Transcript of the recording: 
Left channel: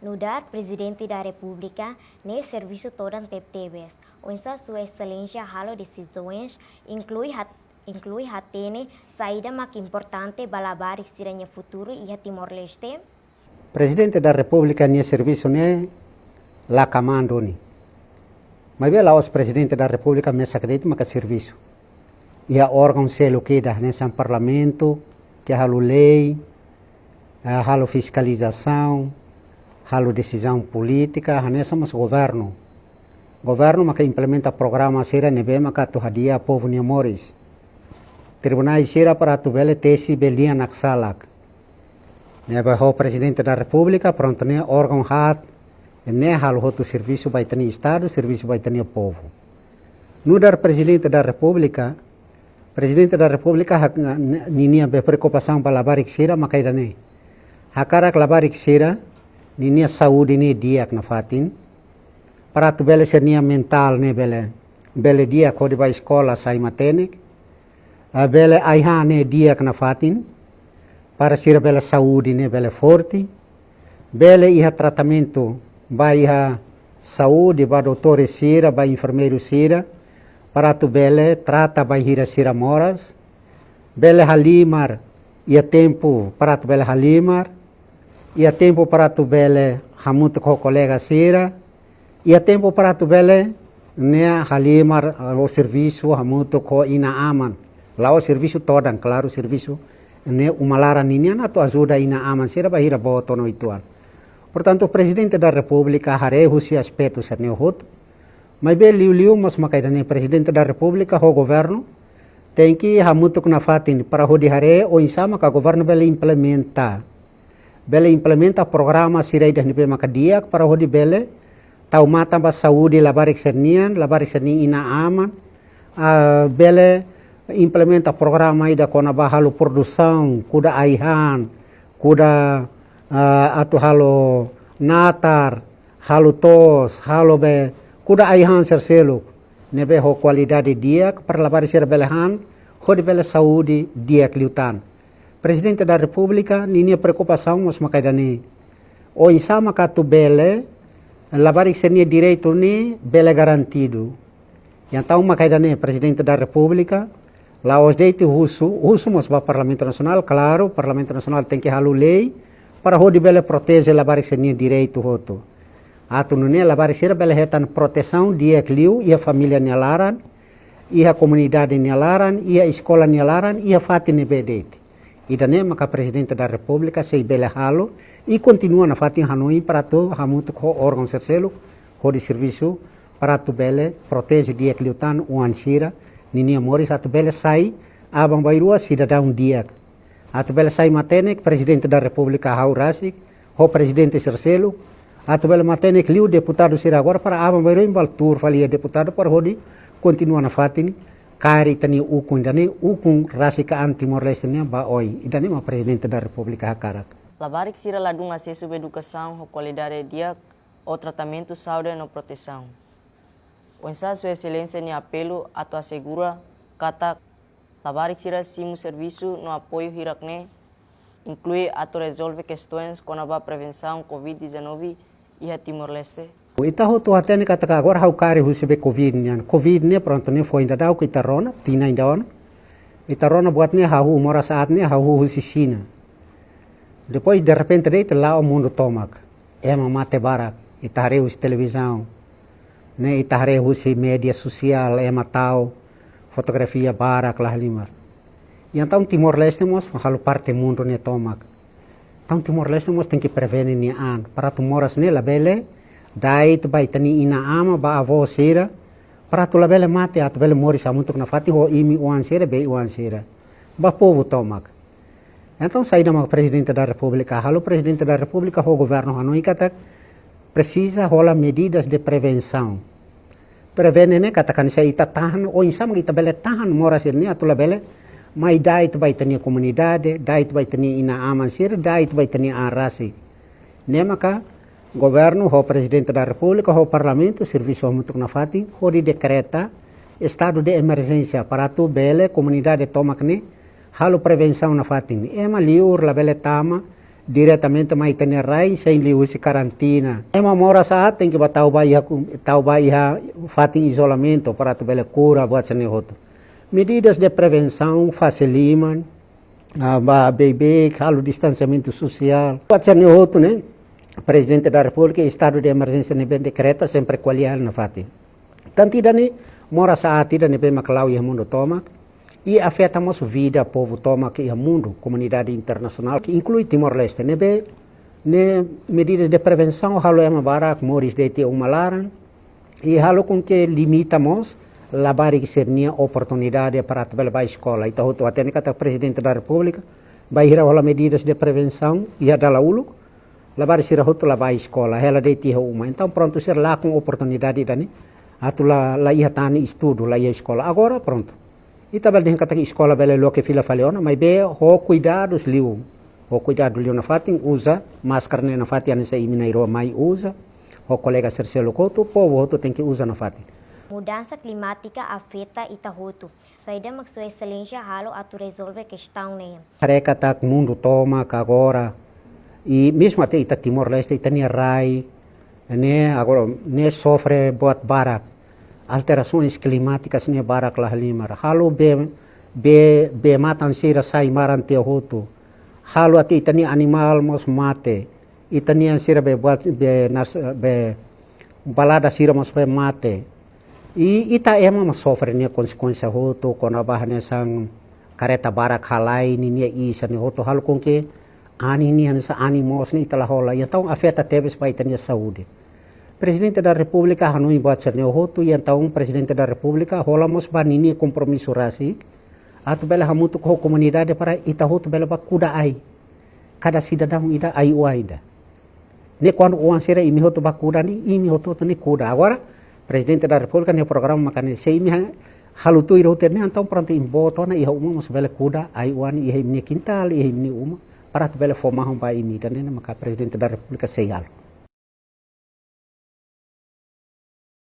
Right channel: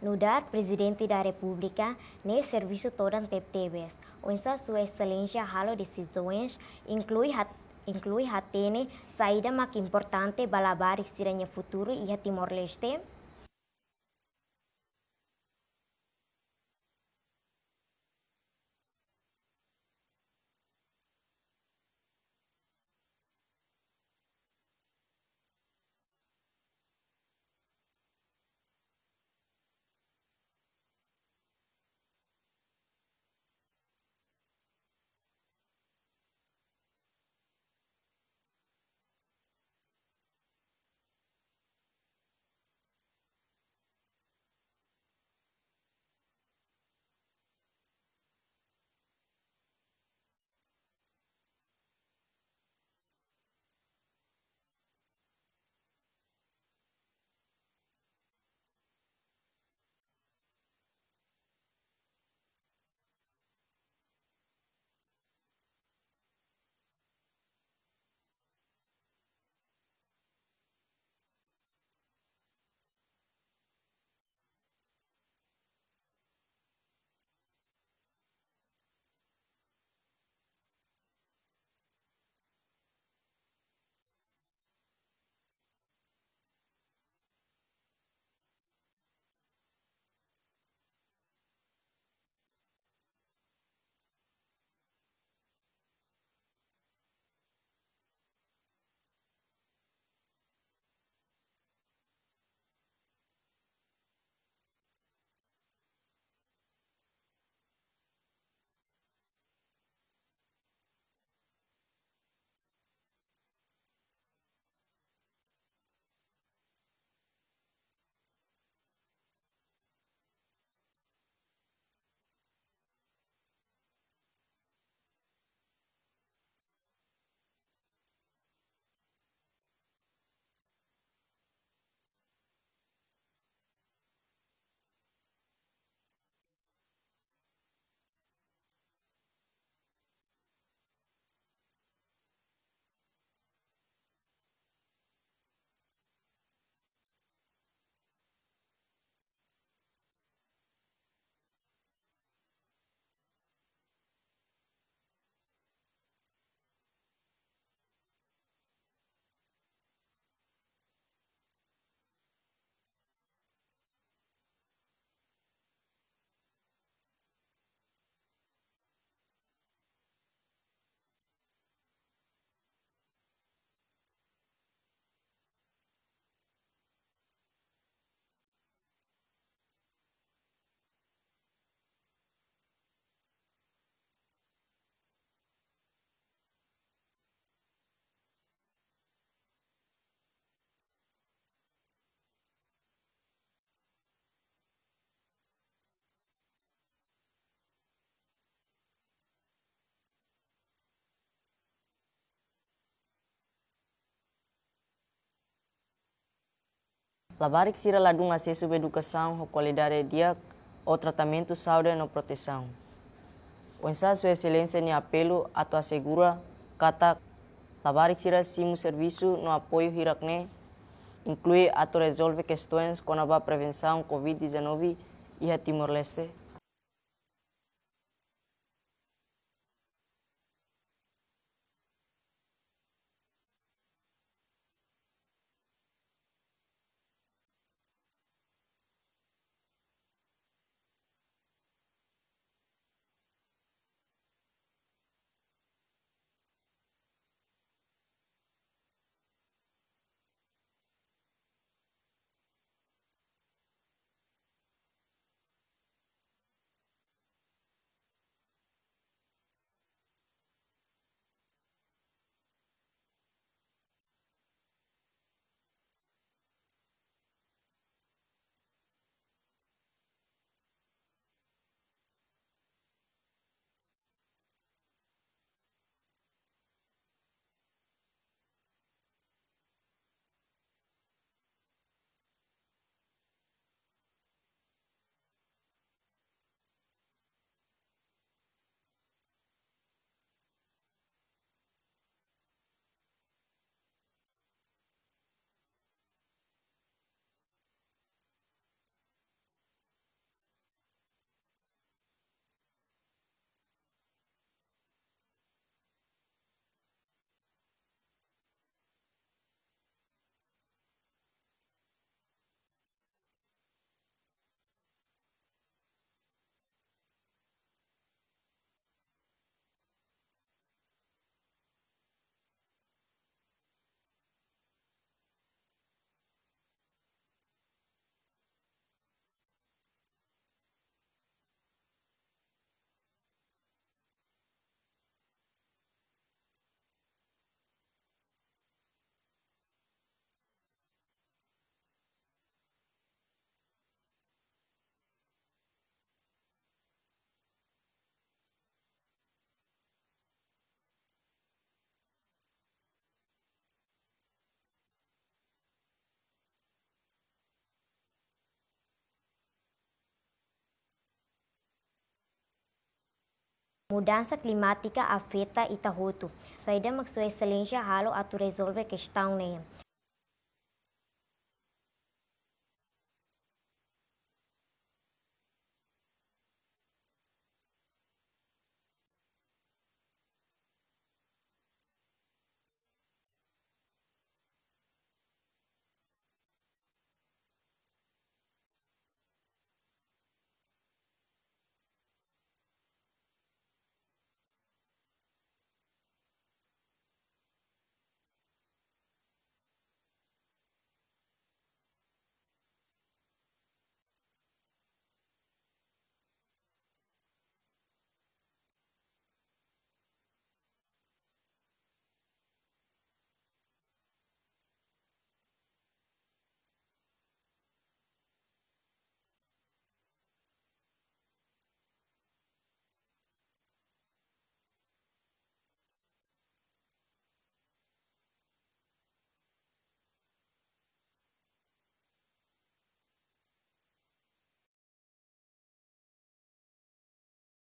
No dar Presidente da República, ne serviço todo TPTVs, onde Sua Excelência halo decisões, inclui hatene saída mais importante balabar que futuro e Timor-Leste. Presidente da República ne serviço ne la comando ni. Mas bem lá os Presidente da República me sacredita mas serviço. E a órgão selo que dá nesse parlamento, que halo lei, halo fiscalização, halo decisão política, nessa mas governo. Governo mas que implementa programa sera nebe mas que tuhadia povo ni moris. Tribunais sera para tu bele tesi belia naksalak. Nebe ho Presidente da República pronto ne órgão hat ne halo hotu serviço vai tani estado, serviço vai tani povo. No dar Presidente da República ninia be preocupação para labarik sira makaida ne. Hakarak labarik sira ninia saúde ne dia na fatin. Para tu bele sernia mental ne bele dia kodi ba escola sai matenik. Bele aiha ne dia na fatin. Para sira bele saúde ne bele forte. Bele iha tratamento ba iha saúde ba doutor sira ba enfermeiro sira. Para tu bele trata ba hira sira moras. Bele halimar ia tempo para tu bele halimar. Ia tempo para tu bele hamuto ko colega sira. Ia tempo para tu bele ne halimar o serviço hamuto ko ina aman. Lá o serviço todo, claro, serviço ne umalara ninia na tu ajuda ina aman sira ba hira boto no ituan. Portanto, o Presidente da República harehu si aspecto ser ne hoto. Mas bem liu mas makaidane Presidente da República ho governo tem que hamuto na fatin para ho dihare o insama ka governo bele implementa programa sirei dah nipe makadia para ho di bele tau mata ba saúde labarik sernian ina aman bele implementa programa ida kona ba halo produção kuda aihan kuda atu halo natar halo tos halo be kuda aihan serselo nebe ho qualidade dia para lavar ser belehan ho de bele saúde dia kliutan. Presidente da República ninia preocupação mas makaidani o insama katu bele lavar senia direito ni bele garantido. Então makaidani Presidente da República lá os deite russo mas ba Parlamento Nacional claro Parlamento Nacional tem que halu lei para ho de bele protege lavar senia direito hoto. Atu nune labar sira bele hetan proteção dia kliu ia família nyalaran ia comunidade nyalaran ia escola nyalaran ia fatine bedete. Idane maka Presidente da República sei bele halo e continua na fatin Hanoi para tu hamuto ko órgão serselo ho de serviço para tu bele protege dia kliu tan uan sira ninia moris atu bele sai abang bairua cidadão dia. Atu bele sai matenek Presidente da República haurasik ho Presidente serselo Atu bela matene kliu deputado sira agora para abang bairo imbal tur falia deputado para hodi continua na fatin kari tani ukun dani ukun rasika Timor-Leste ba oi idani ma Presidente da República hakarak. Labarik sira ladung acesso à educação, qualidade dia o tratamento saúde no proteção. Onsa Sua Excelência ni apelo atu assegura kata labarik sira simu serviço no apoio hirakne inclui atu resolve questões com a prevenção COVID-19 e a Timor-Leste. Ita ho tu atene kata agora hau kari husebe Covid nian. Covid ne pronto ne foi ainda dau que itarona, tina ainda on. Itarona buat ne hau mora saat ne hau husi China. Depois de repente deita lá o mundo tomak. Ema mate barak, itare hus televisão. Ne itare husi media social, ema tau fotografia barak lah limar. E então Timor-Leste mos halu parte mundo ne tomak. Então Timor-Leste mos tem que prevenir ni an para tu moras ne labele dai tu bai tani ina ama ba avo sira para tu labele mate at bele mori samutuk na fati ho imi uan sira be uan sira ba povo tomak. Então saída ma Presidente da República halu Presidente da República ho governo Hanoi kata precisa rola medidas de prevenção. Prevene ne katakan sa ita tahan o insam kita bele tahan moras ne atu labele mai dai tu bai tani comunidade, dai tu bai tani ina aman sir, dai tu bai tani arasi. Ne maka governo ho Presidente da República ho Parlamento serviço hamutuk na fati ho di decreta estado de emergência para tu bele comunidade tomak ne halu prevenção na fatin. Ema liur la bele tama diretamente mais tem rai sem lhe use karantina. É uma mora saat tem que tau bai fatin isolamento para tu bele cura buat sene hoto. Medidas de prevenção facilitam bebê, halo distanciamento social. Buat sene hoto, né? Presidente da República, estado de emergência nebe decreta sempre qualial na fatin. Tanto dani mora saat ida nebe maklau ia mundo toma. E afeta a vida, povo toma que é mundo, comunidade internacional, que inclui Timor-Leste. Ne medidas de prevenção, halo é uma barak, moris de te umalaran, e halo com que limitamos a barik sernia oportunidade para trabalhar a escola. Então, o até que o presidente da República vai ir a medidas de prevenção e a dar ulo, a barik ser a escola, ela de te uma. Então, pronto, ser lá com oportunidade dani, atu lá ia tani estudo, lá ia escola. Agora, pronto. E também tem que escola bela lo que fila faleona, mas bem o cuidados liu, na fatin usa máscara na fatin anessa imineiro mai usa, o colega Sergio Couto, o povo tem que usar na fatin. Mudança climática afeta Itahoto. Saída mag sua excelência halo atu resolve questão né. Careca tá mundo toma agora e mesmo até ita Timor-Leste ita ni rai, né agora né sofre buat barak. Alterações climáticas ne barak lah limar. Halo be matan sira sai maran te hoto. Halo ati itani animal mos mate. Itani sira be buat be balada sira mos be mate. E ita ema mas sofre ne konsekuensia hoto kona bahane sang kareta barak halai ni ne isa ne hoto halo com que ani ni ansa animos ni itala hola. Então afeta teves para itani saúde. Presidente da República hanui buat serneu hotu e então Presidente da República rolamos banini compromisso rasi atu bela hamutu ko comunidade para ita hotu bela bakuda ai cada cidadão ida ai uaida ne quando o ansera imi hotu bakuda ni imi hotu ni kuda agora Presidente da República ne programa makane sei mi halutu iro terne então pronto imboto na iha uma mos bela kuda ai uani iha imni quintal iha imni uma para tu bela formar um pai imi tane maka Presidente da República sei algo